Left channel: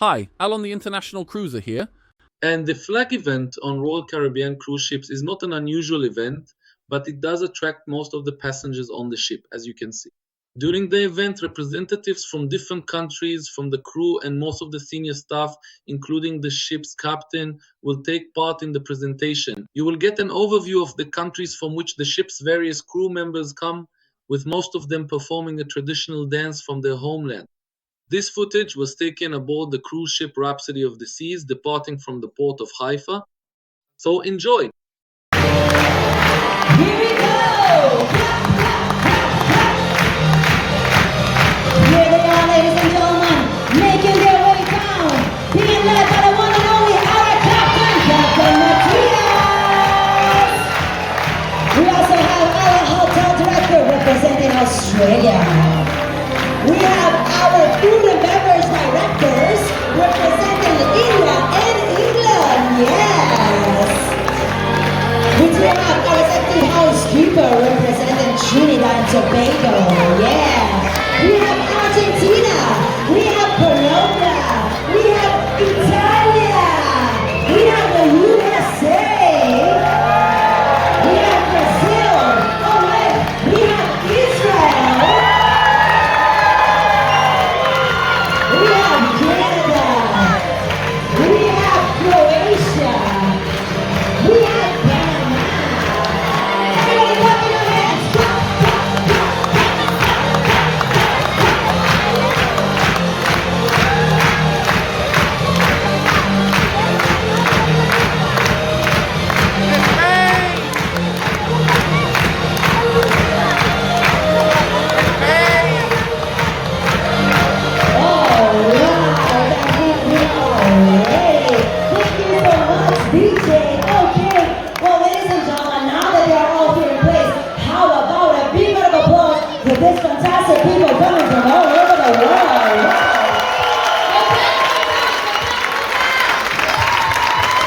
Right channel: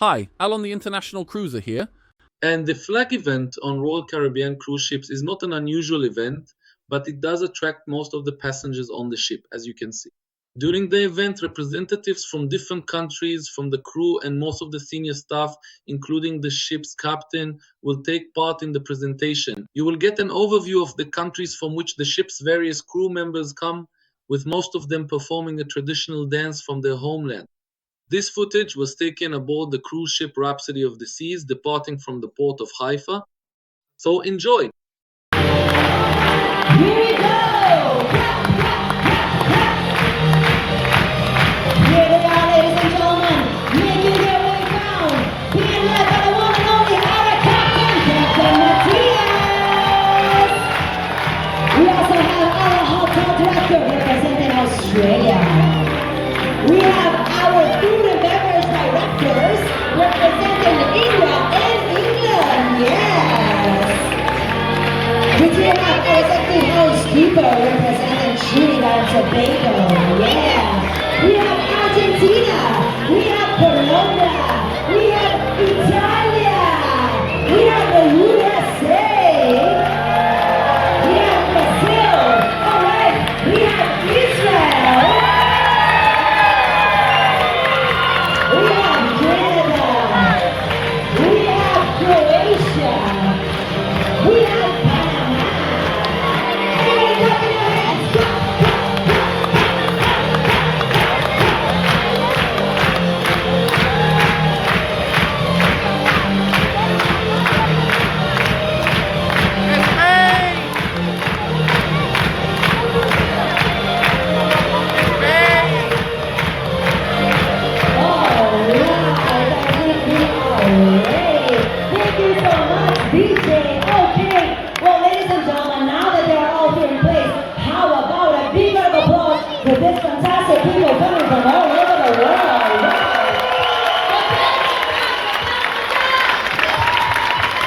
Hi, Alon the International Cruiser here. And the flag event on Royal Caribbean cruise ships is not an unusual event, but it does attract most of the passengers on the ship, as you can see. During the event, representatives from different countries, from the crew and most of the senior staff, including the ship's captain, will take part in the presentation. You will get an overview of the countries from which the ship's various crew members come, with most of them performing a traditional dance from their homeland. This footage was taken aboard the cruise ship Rhapsody of the Seas, departing from the port of Haifa. So enjoy! Here we go! Here they are, ladies and gentlemen, making their way down, being led by the one and only our captain, Captain Matthias. We also have our hotel director representing Australia. We have our food and beverage directors representing India and England. Yes. We do have our executive housekeeper representing Trinidad and Tobago. Yeah. We have Argentina. We have Colombia. We have Italia. We have the USA. We have Brazil. All right. We have Israel. We have Canada. We have Croatia. We have Panama. Everybody clap your hands. Clap, clap, clap, this fantastic people coming from all over the world.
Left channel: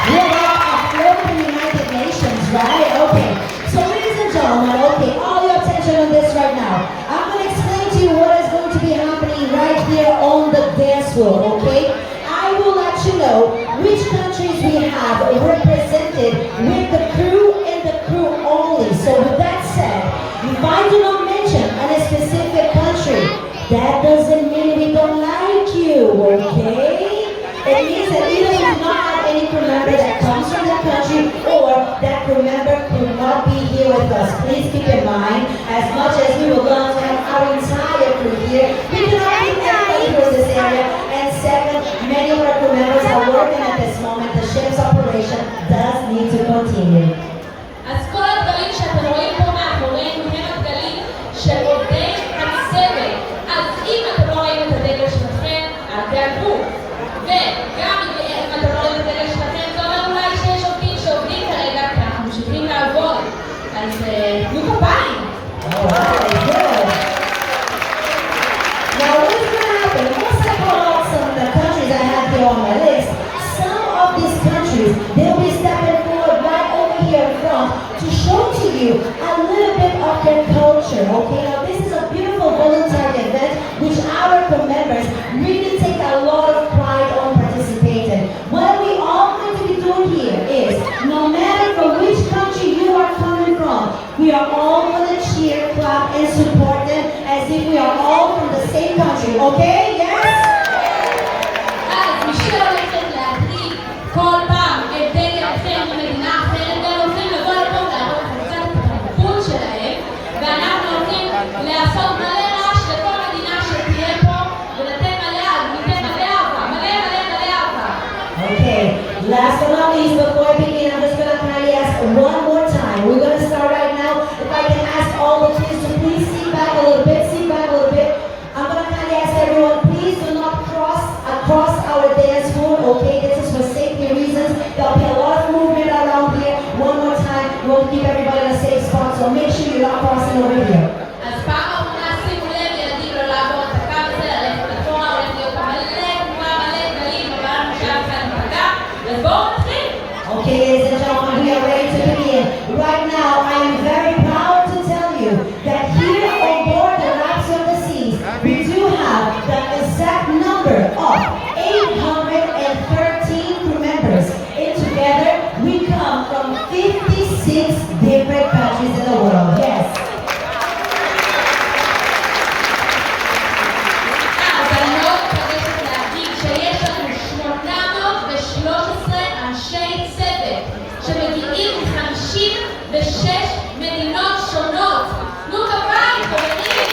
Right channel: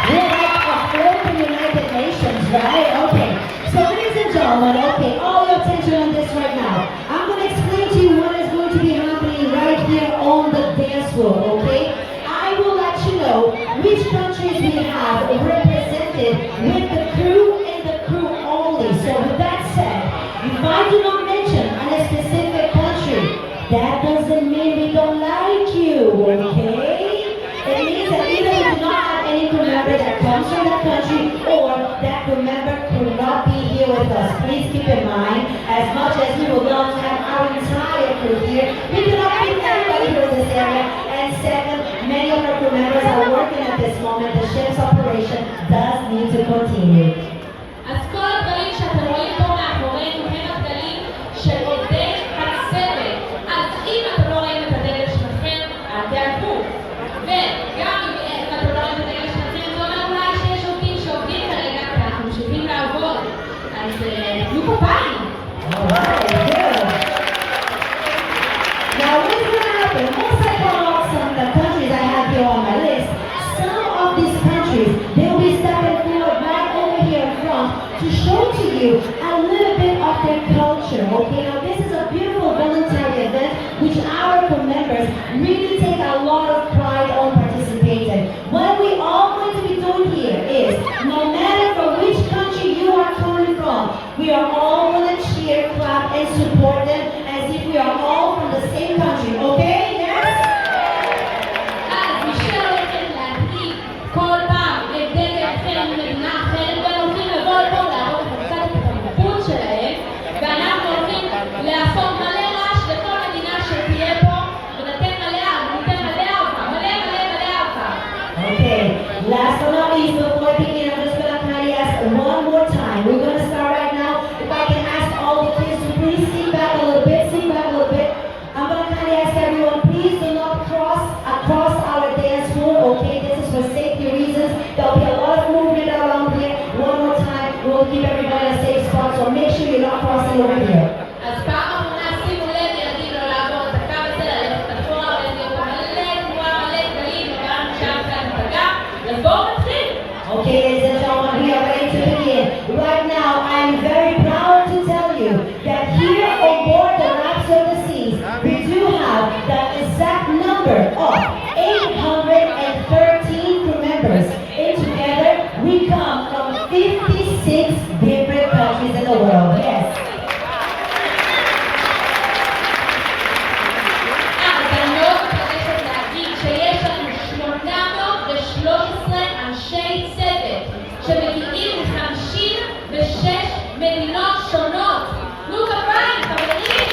We're like a floating United Nations, right? Okay. So ladies and gentlemen, okay, all your attention on this right now. I'm going to explain to you what is going to be happening right here on the dance floor, okay? I will let you know which countries we have represented with the crew and the crew only. So with that said, if I do not mention a specific country, that doesn't mean we don't like you, okay? It means that either we do not have any crew member that comes from that country or that crew member could not be here with us. Please keep in mind, as much as we would love to have our entire crew here, we cannot keep everybody here in this area. And second, many of our crew members are working at this moment. The ship's operation does need to continue. אז כל הדברים שאתם רואים פה מאחורינו הם הדגלים של עובדי הצוות. אז אם אתם לא רואים את הדגל שלכם, אל תעקבו. וגם אם אתם לא רואים את הדגל שלכם, זה אומר אולי שיש עובדים שעובדים כרגע, כי אנחנו ממשיכים לעבוד. אז תנו פה פעם. Alright, good. Now what's going to happen? Once I pull out some of the countries I have here on my list, some of these countries, they'll be stepping forward right over here in front to show to you a little bit of their culture, okay? Now this is a beautiful voluntary event which our members really take a lot of pride on participating. What we all going to be doing here is, no matter from which country you are coming from, we are all going to cheer, clap, and support them as if we are all from the same country, okay? Yes? אז מי שהולכת להקריא כל פעם את דגל אחר ממדינה אחרת, הם הולכים לבוא לפה להראות קצת את התרבות שלהם, ואנחנו הולכים לעשות מלא רעש לכל מדינה שתהיה פה, ולתת מלא אהבה, מלא אהבה. Okay, last but not least, before I begin, I'm just going to kindly ask one more time. We're going to start right now. If I can ask all the kids to please sit back a little bit, I'm going to kindly ask everyone, please do not cross across our dance floor, okay? This is for safety reasons. There'll be a lot of movement around here. One more time, we'll keep everybody in a safe spot, so make sure you're not crossing over here. אז פעם אחרונה שימו לב ילדים לא לעבוד את הקו הזה, ללכת אחורה, הולך להיות מלא גלים, אבל עכשיו כאן פגע, ובואו נתחיל. Okay, ladies and gentlemen, we are ready to begin. Right now, I am very proud to tell you that here on board the Rhapsody of the Seas, we do have the exact number of 800 שיש לנו 813 אנשי צוות שמגיעים מ-56 מדינות שונות. נו כפיים, חברים!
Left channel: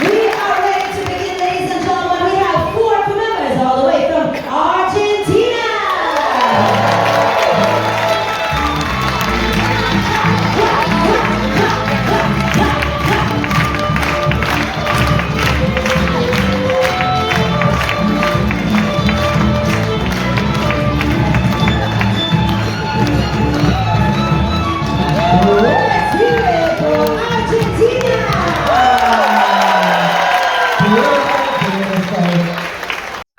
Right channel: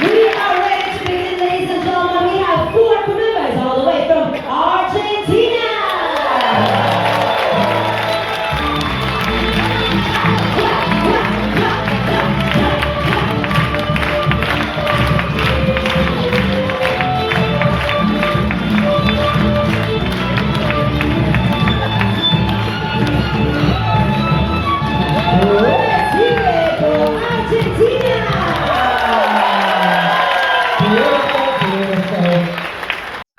We are ready to begin, ladies and gentlemen. We have 4 members all the way from Argentina. Let's hear it for Argentina.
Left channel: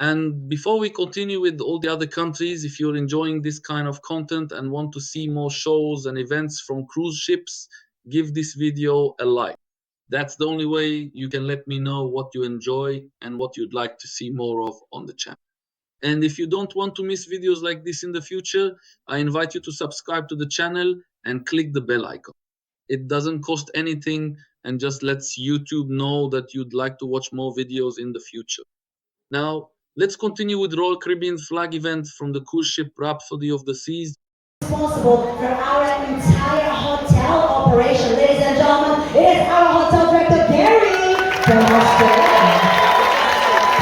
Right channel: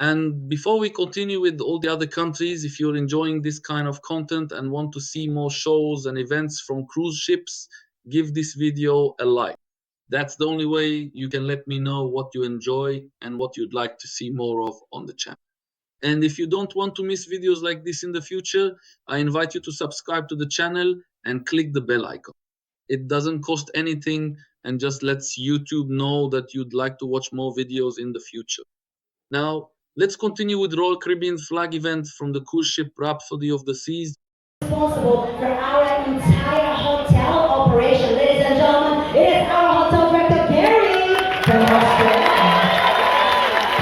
And before we continue with all the other countries, if you're enjoying this kind of content and want to see more shows and events from cruise ships, give this video a like. That's the only way you can let me know what you enjoy and what you'd like to see more of on the channel. And if you don't want to miss videos like this in the future, I invite you to subscribe to the channel and click the bell icon. It doesn't cost anything and just lets YouTube know that you'd like to watch more videos in the future. Now, let's continue with Royal Caribbean's flag event from the cruise ship Rhapsody of the Seas. Responsible for our entire hotel operation. Ladies and gentlemen, it is our hotel director, Gary, from Australia.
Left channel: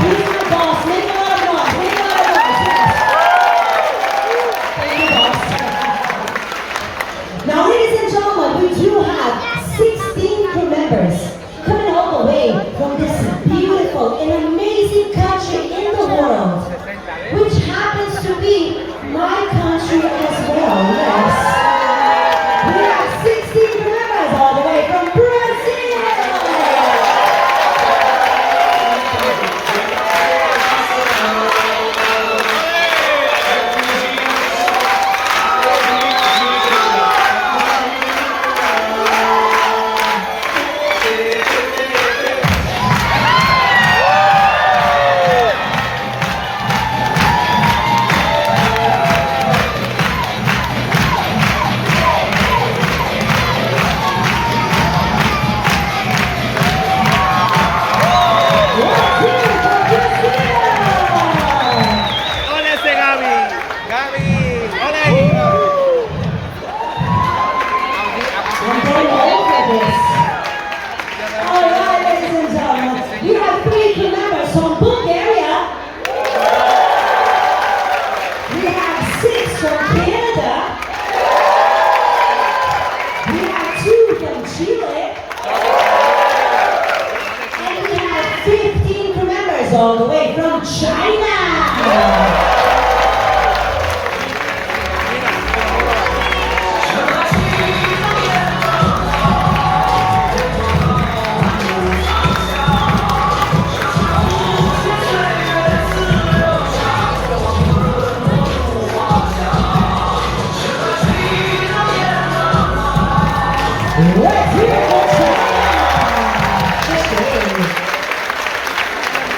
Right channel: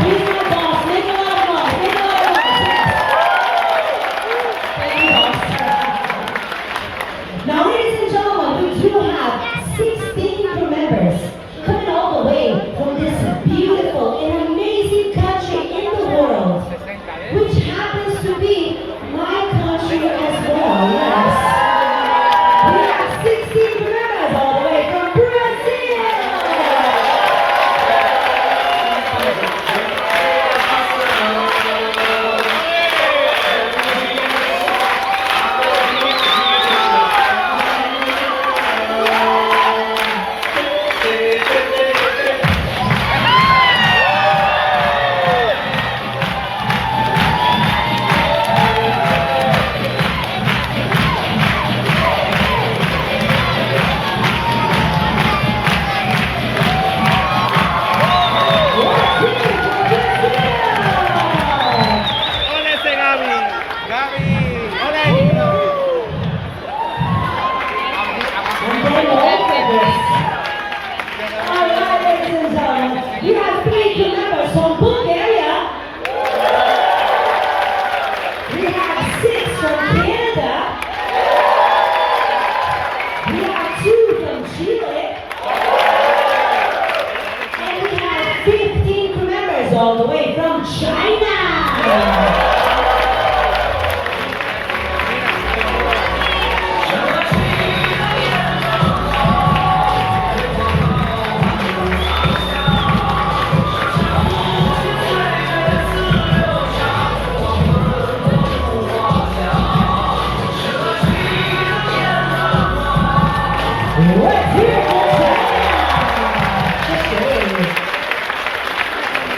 He's my boss. Make a lot of noise. Make a lot of noise. Yes. Now, ladies and gentlemen, we do have 16 crew members coming all the way from this beautiful and amazing country in the world, which happens to be my country as well, yes. We have 16 members all the way from Brazil. ¡Ole ese Gaby! ¡Gaby! ¡Ole! All right, ladies and gentlemen, you have 3 crew members from Bulgaria. We have 6 from Canada. We have 2 from Chile. And we have 15 crew members all the way from China. Let's hear it for China.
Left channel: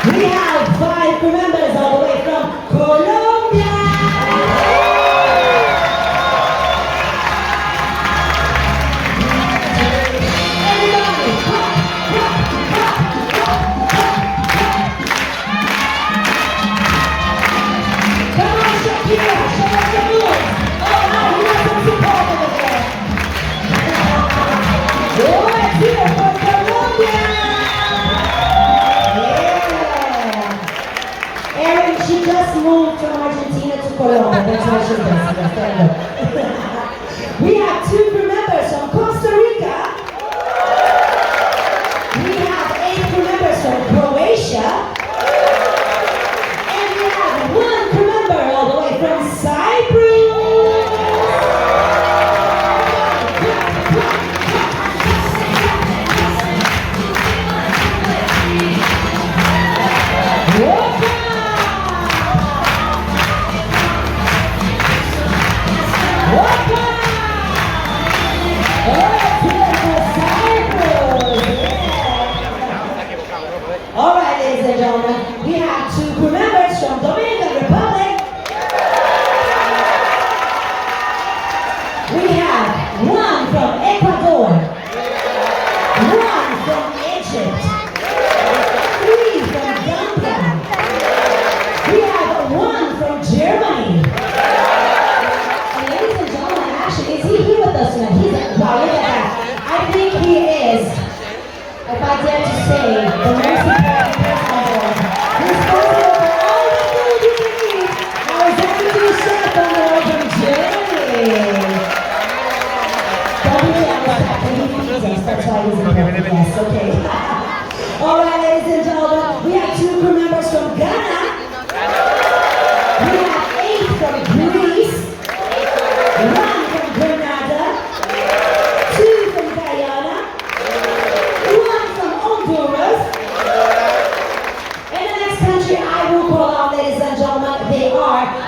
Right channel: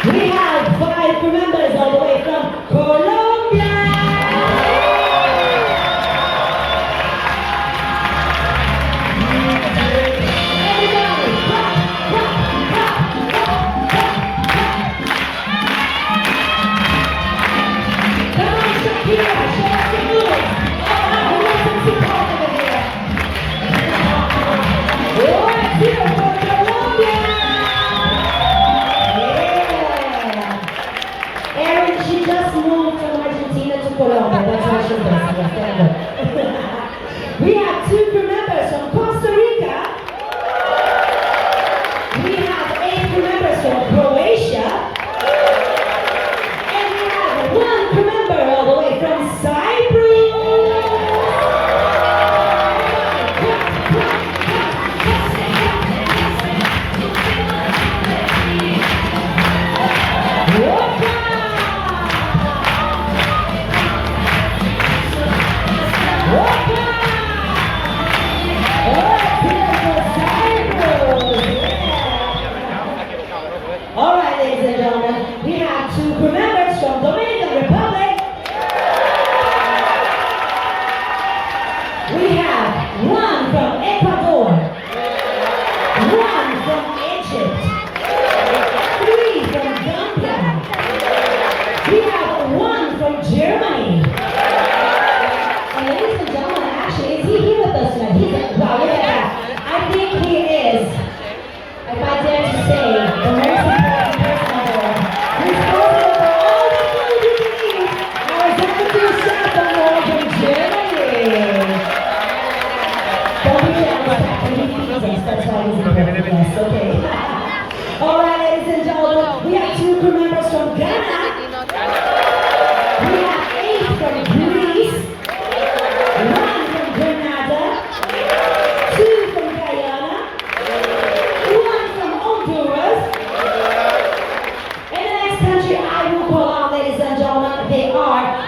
We have 5 crew members all the way from Colombia. Come on, Shakira, show us the moves. Oh, we need some support over there. Let's hear it for Colombia. Yeah. Erin, she just moved from Argentina to Colombia. That's what she does. Yes, there you go. We have 2 crew members from Costa Rica. We have 8 crew members from Croatia. And we have 1 crew member all the way from Cyprus. Welcome.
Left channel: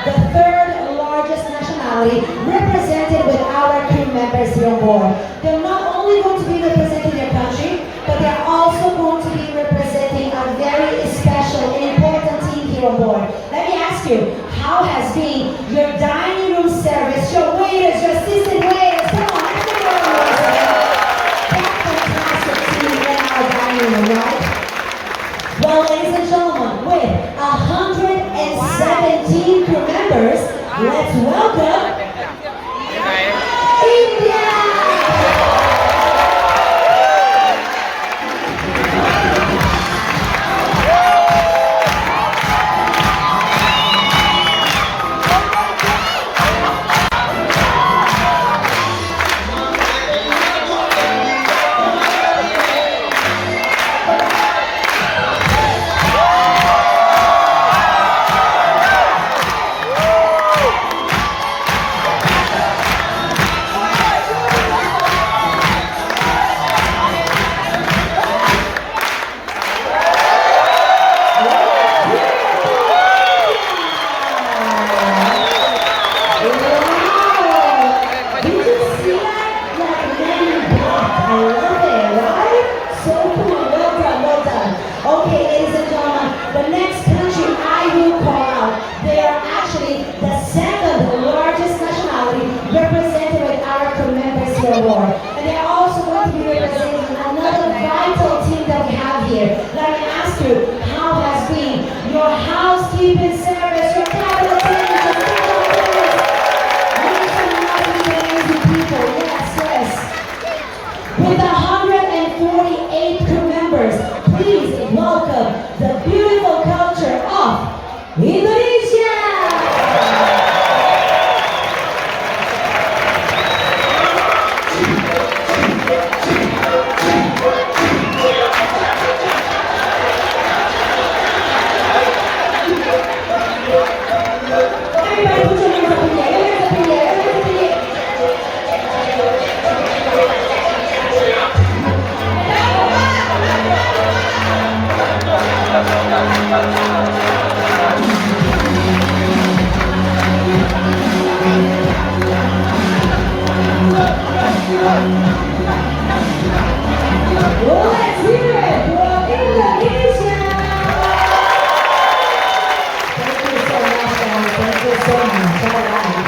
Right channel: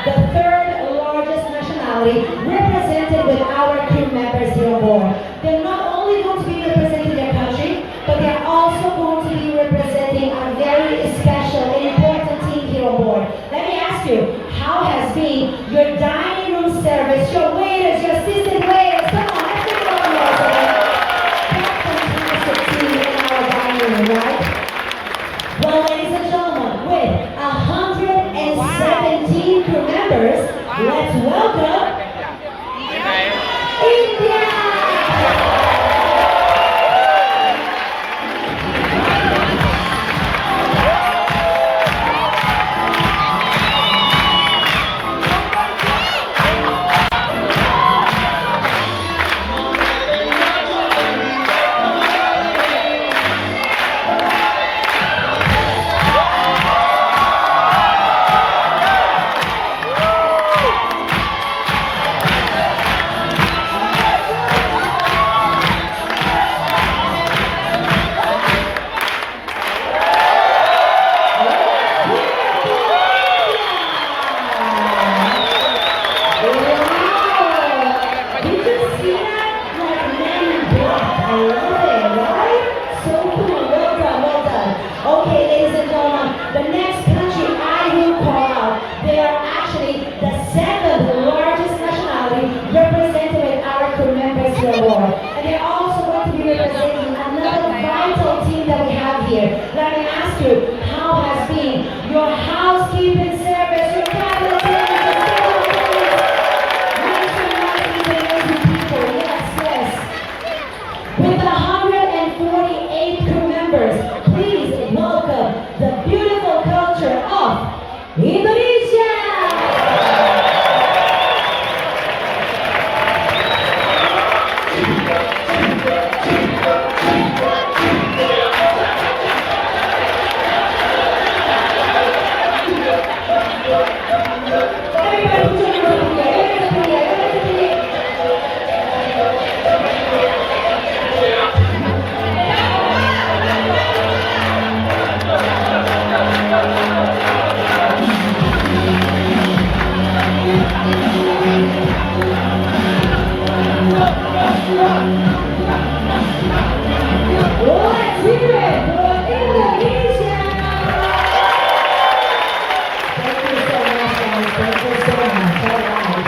the third largest nationality represented with our crew members here on board. They're not only going to be representing their country, but they're also going to be representing a very special and important team here on board. Let me ask you, how has been your dining room service, your waiters, your assistant waiters? Come on, let's give it all yours, right? That fantastic team in our dining room, right? Well, ladies and gentlemen, with 117 crew members, let's welcome India! And they're also going to be representing another vital team that we have here. Let me ask you, how has been your housekeeping service, your cabinet attendants, your kitchen attendants? Amazing people, yes. With 148 crew members, please welcome the beautiful culture of Indonesia! Let's hear it for Indonesia! Thank you so much, guys. Thank you so much. All right.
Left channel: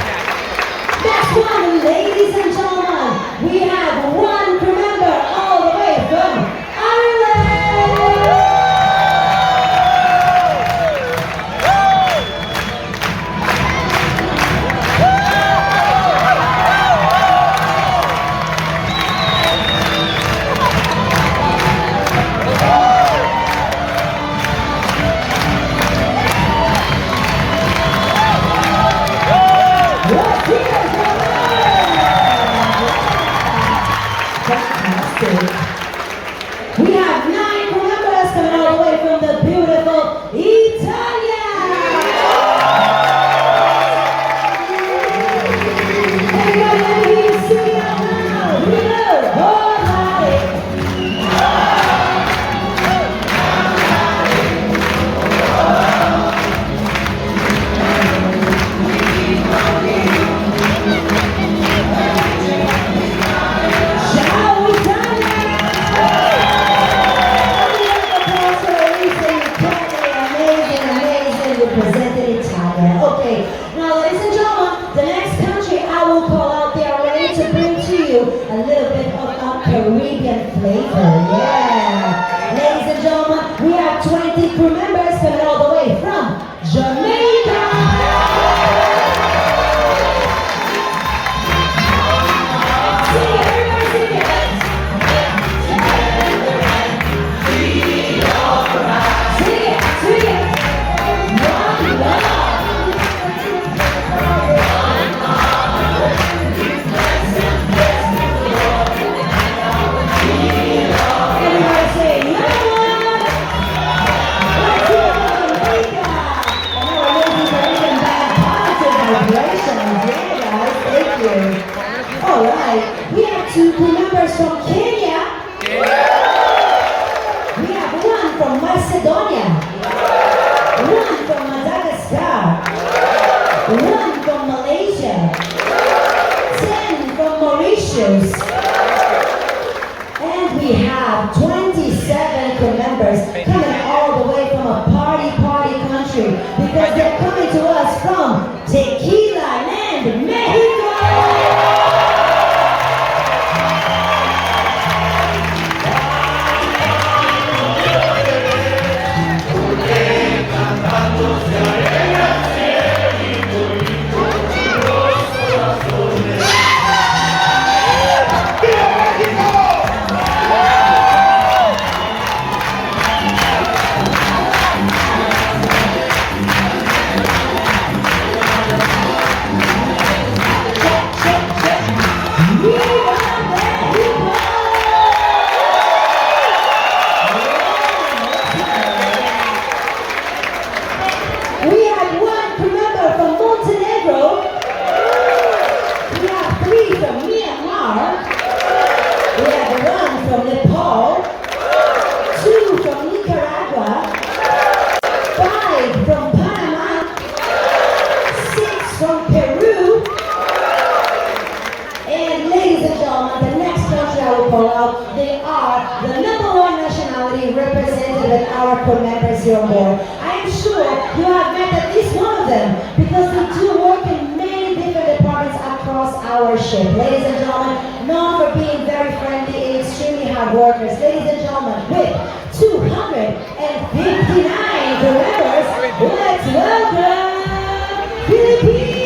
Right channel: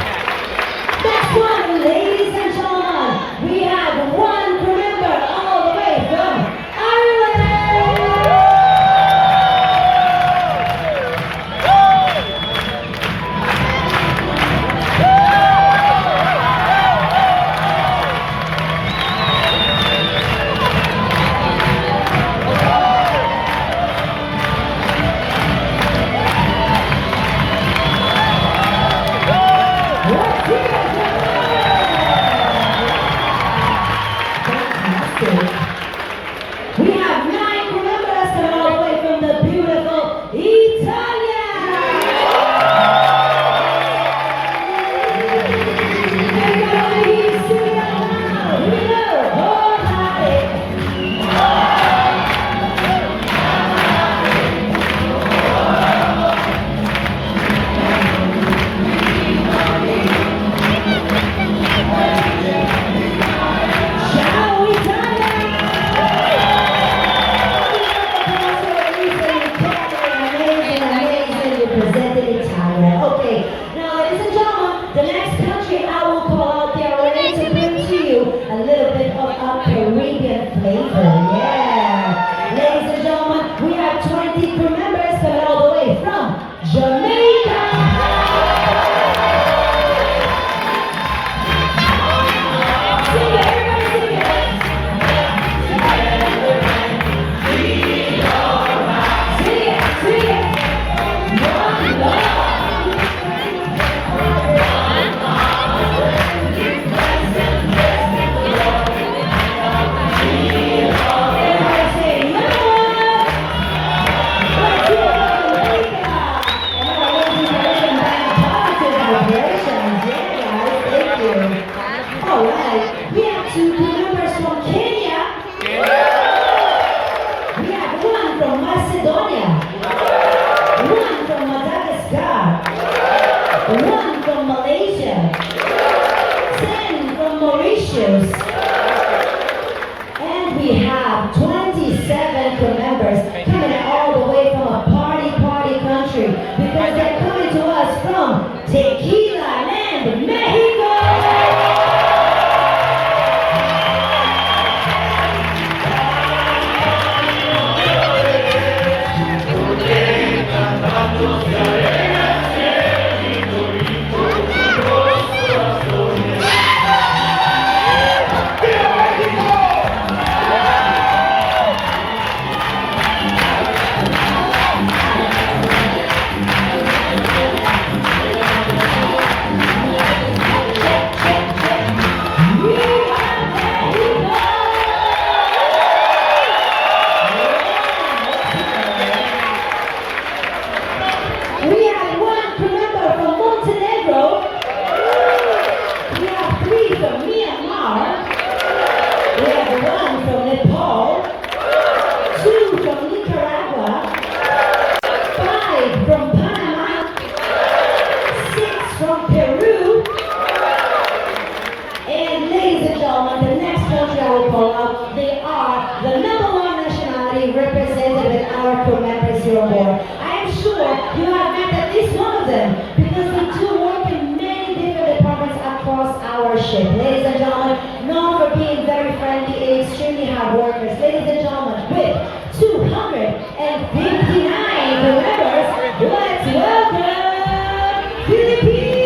Next one, ladies and gentlemen, we have one crew member all the way from Ireland! We have 9 crew members coming all the way from the beautiful Italia. Everybody, sing it out loud. We love Ciao Italia! Amazing, amazing. I'm sure you have met at least one of them because they do work in many different departments across our ship. Ladies and gentlemen, known for being very friendly and extremely hard workers. Ladies and gentlemen, with 259 crew members, let's welcome Philippines!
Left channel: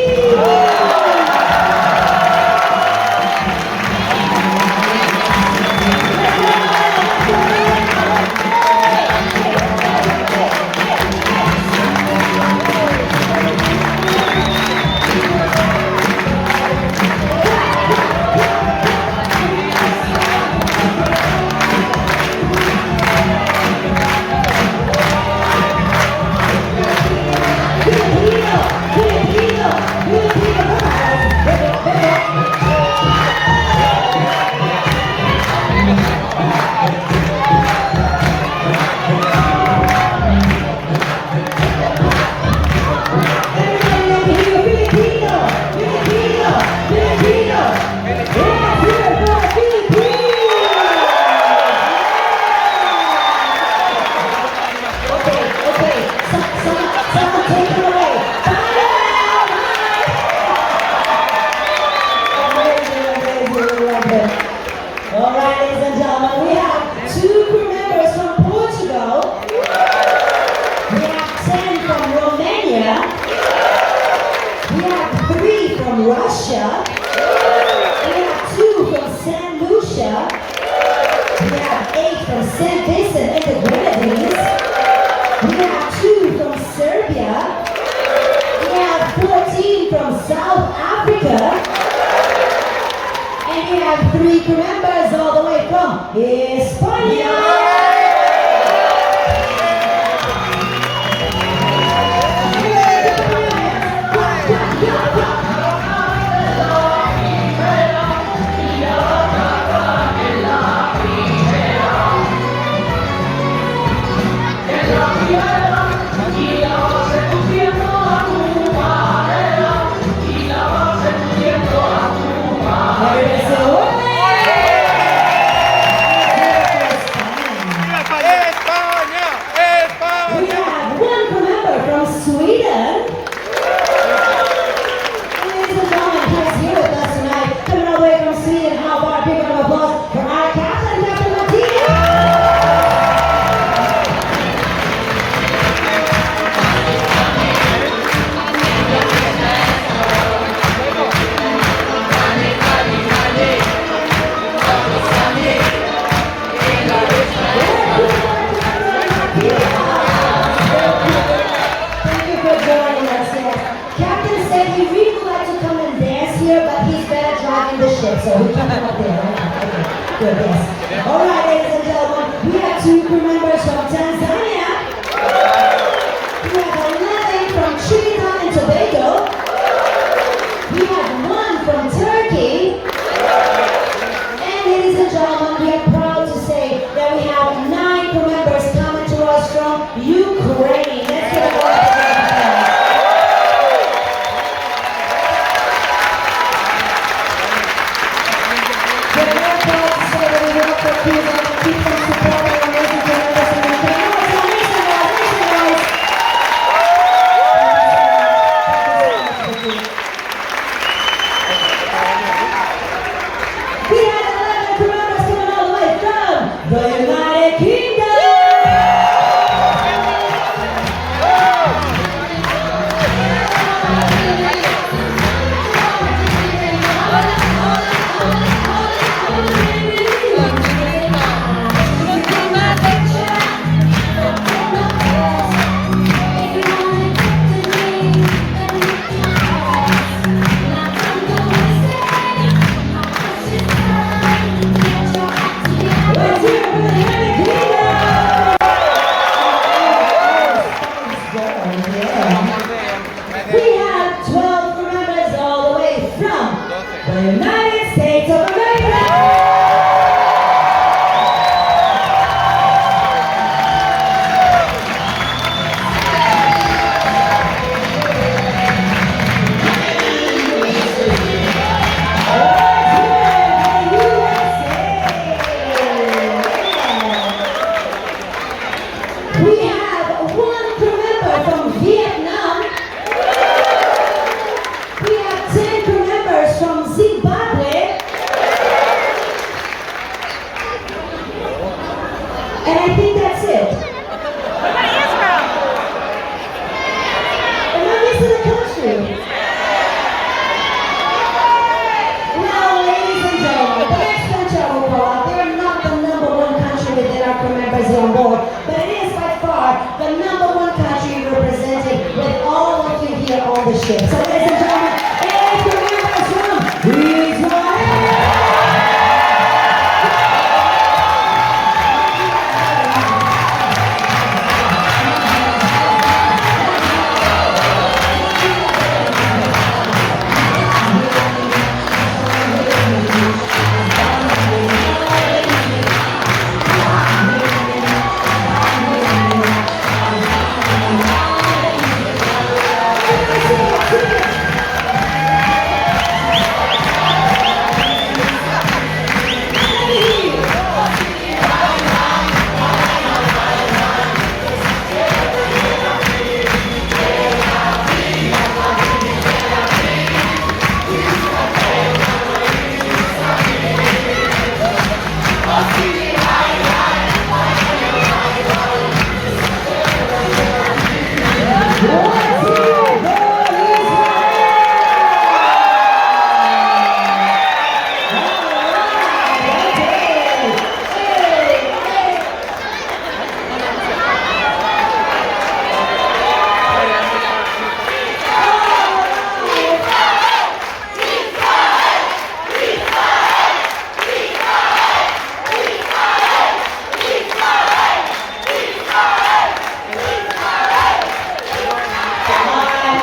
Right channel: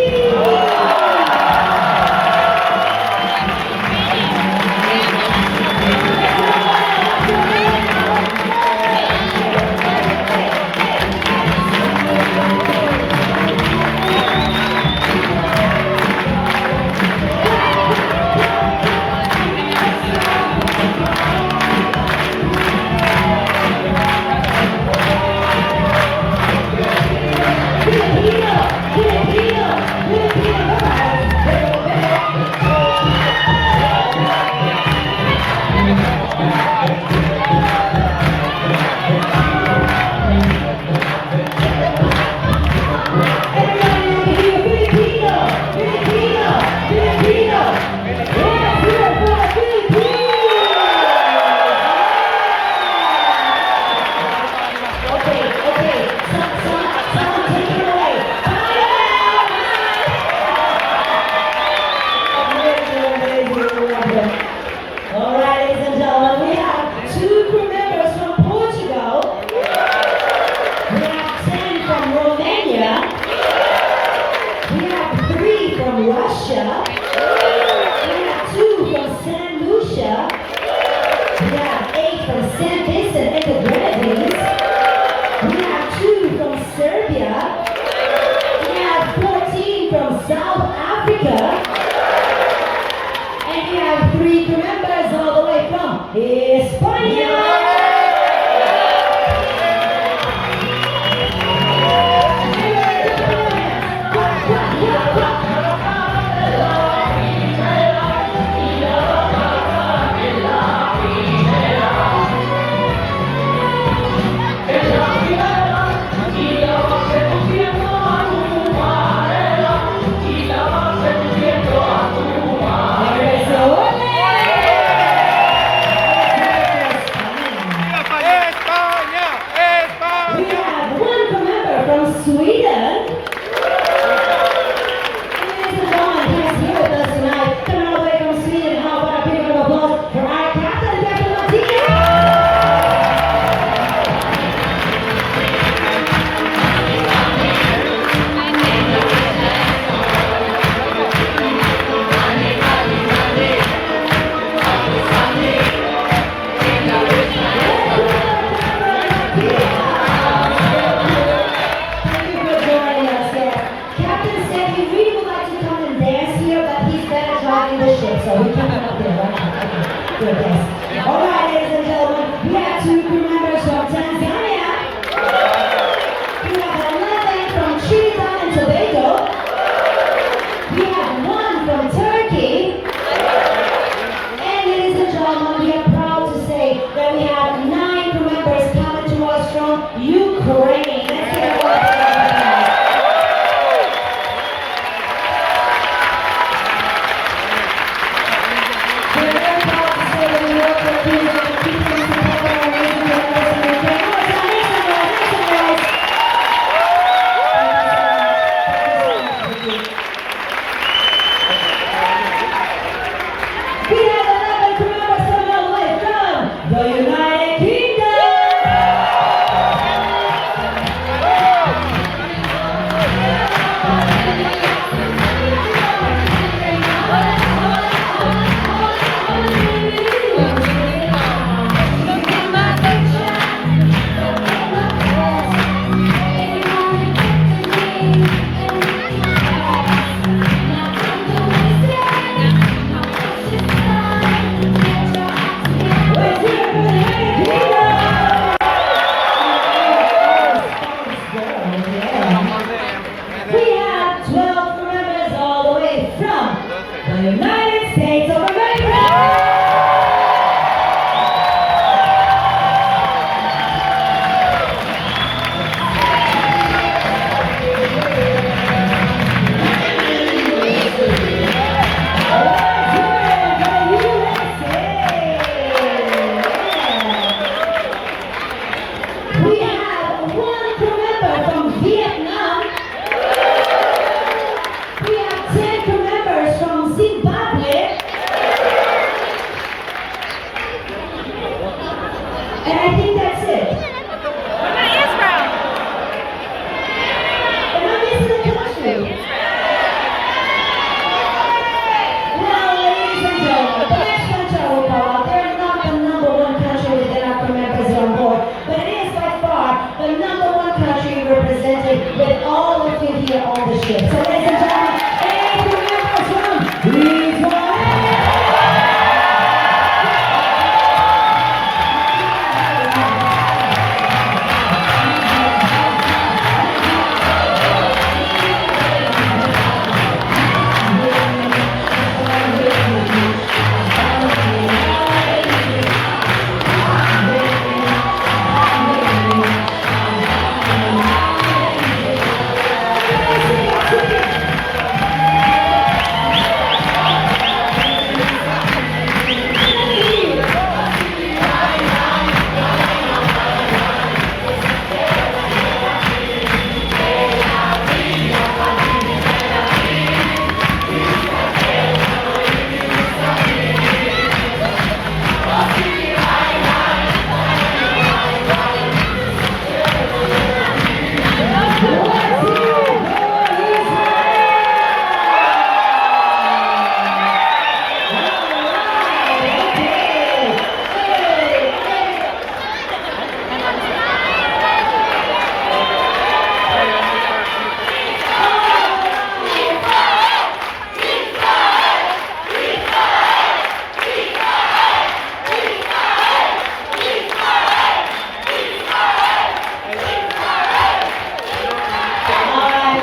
on the ship. So ladies and gentlemen, if you remember this one, please go ahead.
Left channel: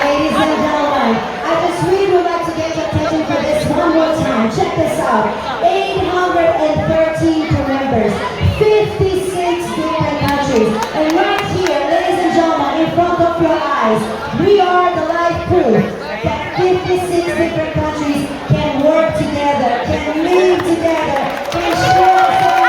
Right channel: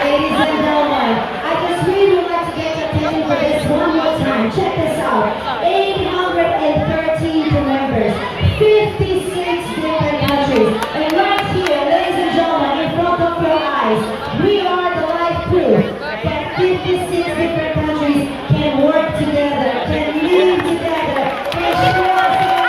Ladies and gentlemen, I just really would like to get your attention for this one more time. Check this out. 813 crew members, 56 different countries. And right here, ladies and gentlemen, in front of your eyes, we are the live proof that 56 different countries can work together, can live together, can share things.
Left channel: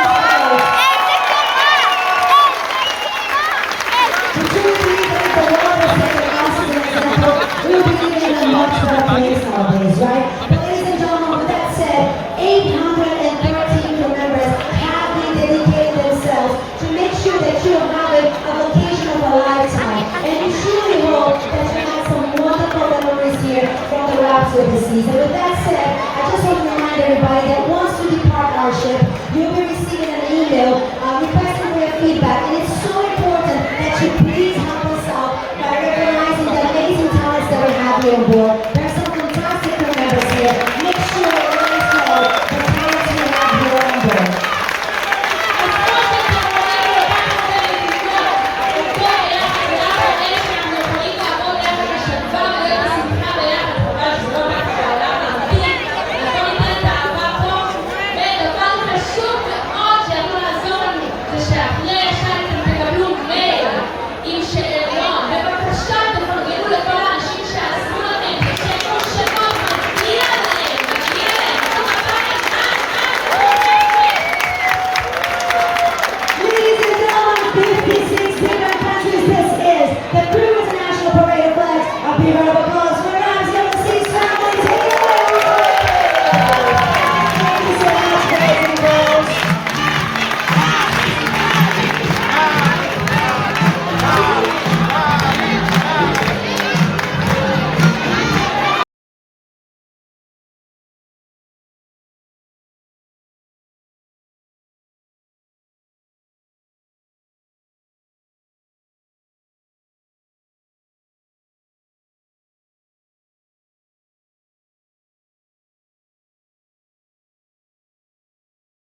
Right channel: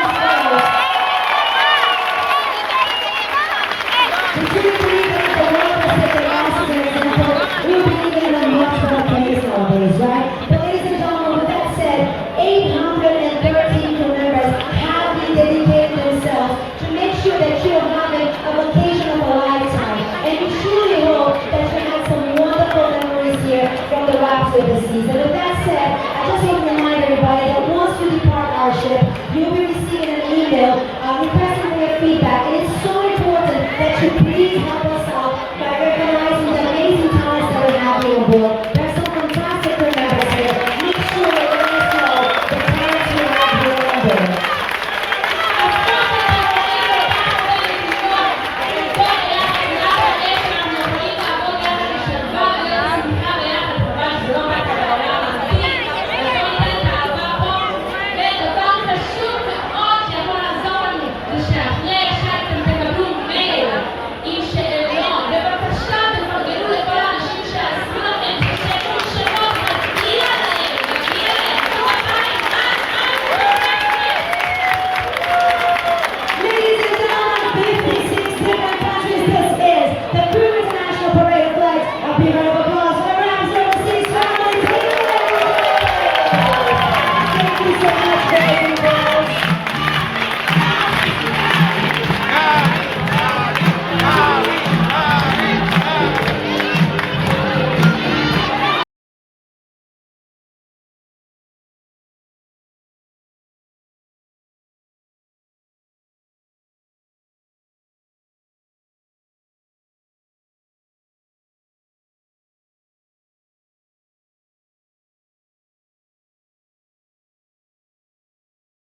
We truly believe that the world will take a massive example. We'll be living in a much better place nowadays, right? But ladies and gentlemen, with that said, 813 crew members have been dedicating themselves to make sure that you are having a vacation of a lifetime. And we truly hope that you have some wonderful memories here from the Raps of the Sea. So with that